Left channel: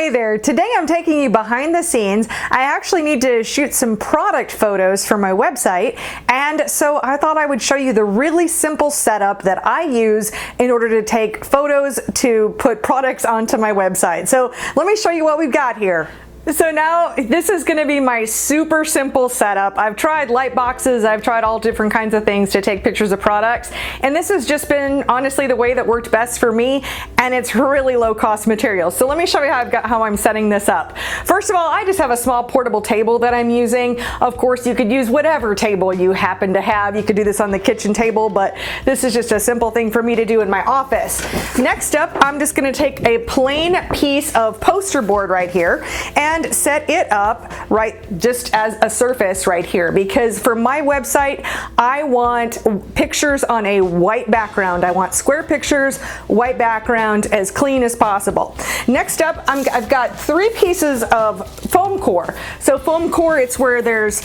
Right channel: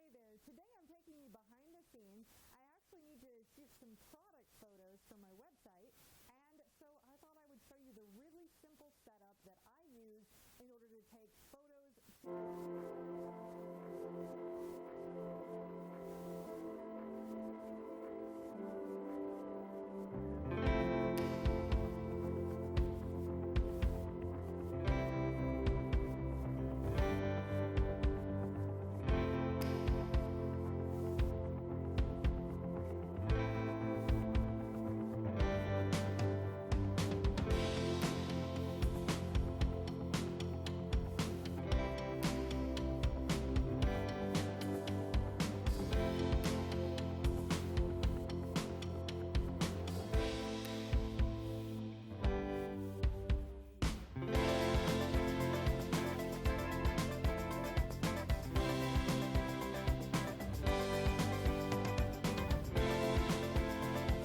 Hey there, today I'm taking you behind the scenes. I actually need to shoot some product photos for my website, and so I thought I would show you the really simple setup that I use in order to take photos to put products onto my website. So let me show you what we've got here. So now this is going to be my super simple setup. I've tried light boxes, I've tried all different kinds of things to take pictures of products, and this has just been honestly the way that worked best for me, and it's really low cost material. So let me show you how I'm setting this up. First of all, I just have a small portable table that I'm using. Of course, you could use whatever table you happen to have. You could do this on the kitchen table, but this is just a simple thing for me to do in my office. Next up, I'm just going to take a plain piece of poster board right here and set it up right just as a surface right here, because for my website I want pictures on a white background. I want square pictures, white background, as clean as possible. Next up, I've got 3 pieces of foam core. So foam core, it's where there's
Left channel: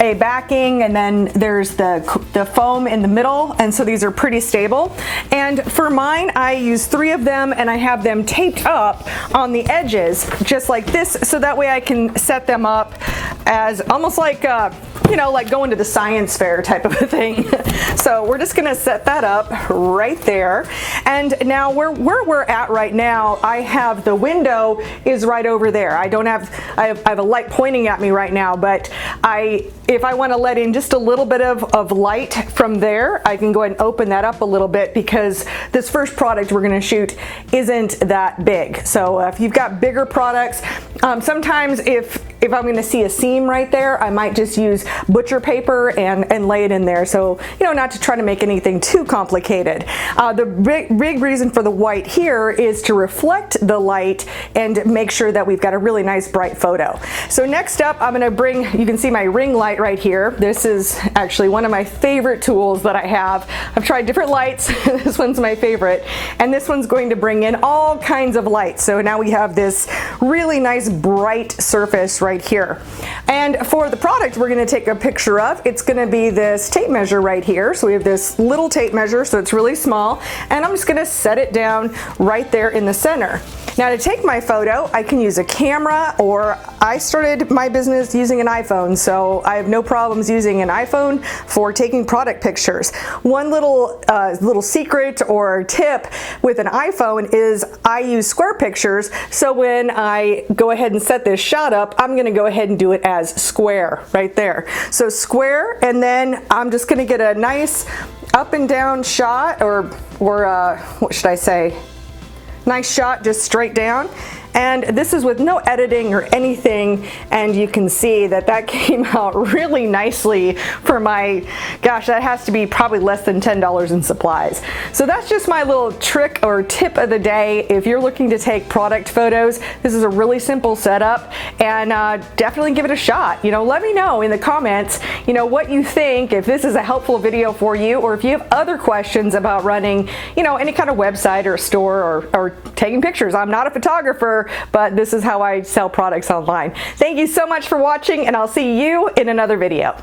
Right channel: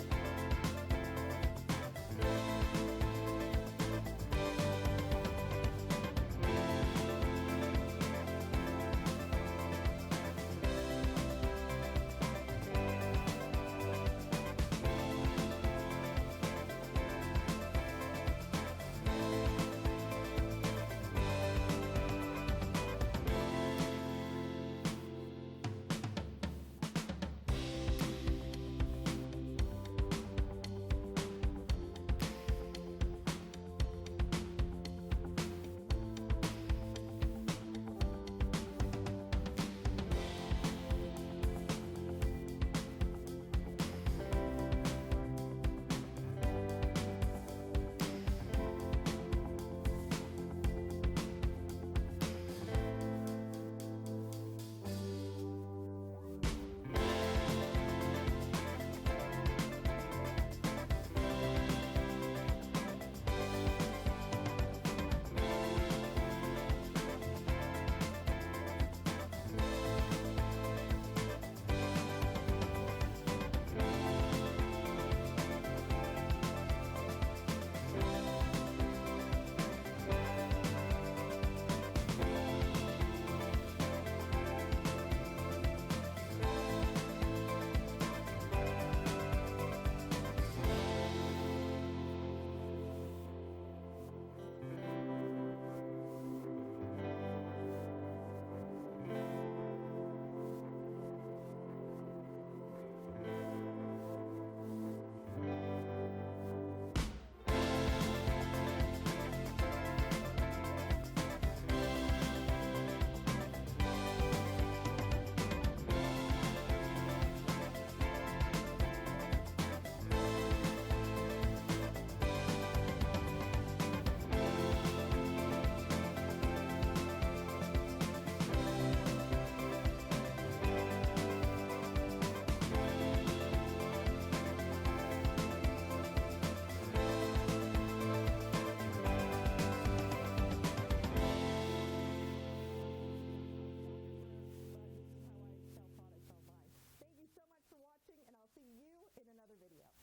a backing and then there's the foam in the middle, and so these are pretty stable. And for mine, I use 3 of them and I have them taped up on the edges just like this, so that way I can set them up as almost like you know, like going to the science fair type of a thing. So we're just gonna set that up right there. And now where we're at right now, I have the window is right over there. I have a light pointing at me right now, but if I want to let in just a little bit of light from there, I can go ahead and open that up a little bit, because this first product we're going to shoot isn't that big. So if you've got bigger products, sometimes if I'm going to see a seam right there, I might just use butcher paper and lay it in there. So, you know, not to try to make anything too complicated. The big reason for the white here is to reflect the light and make sure that we've got a really nice bright photo. So next up, I'm going to bring, you can see my ring light right here. This is actually one of my favorite tools that I have. I've tried different lights. This one's my favorite. And this one's going to bring in all kinds of light. So now we have this really nice bright surface right here. And for the product we're going to take a picture of, it's going to be this tape measure right here. So we have this little tape measure, so it's really small, and I'm just going to set it down right there in the center. Now to take my photo, I can use a camera, or I started my business using an iPhone, so I have no problems using an iPhone for taking product pictures. One little secret or tip with an iPhone is I use square pictures, so when I go ahead and set this shot up, I'm going to go ahead and do it as square right there. So square, and then I'm just going to get a nice up and down shot, or what should I say? Nice shot just straight down. And this is with no editing or anything, and you can see that came out really nicely for my, gosh, that has to be probably less than $10 in supplies. So that's just my little trick or tip of the day. If you're looking to take product photos, this is a really simple setup, and definitely give it a shot. You know, let me know in the comments, you know, what you think, if this is a helpful video for you, or if you have other questions about running, you know, any kind of website or store or taking pictures. I'm not a photographer, but this is how I sell products online. Thank you so much for watching, and I'll see you in another video.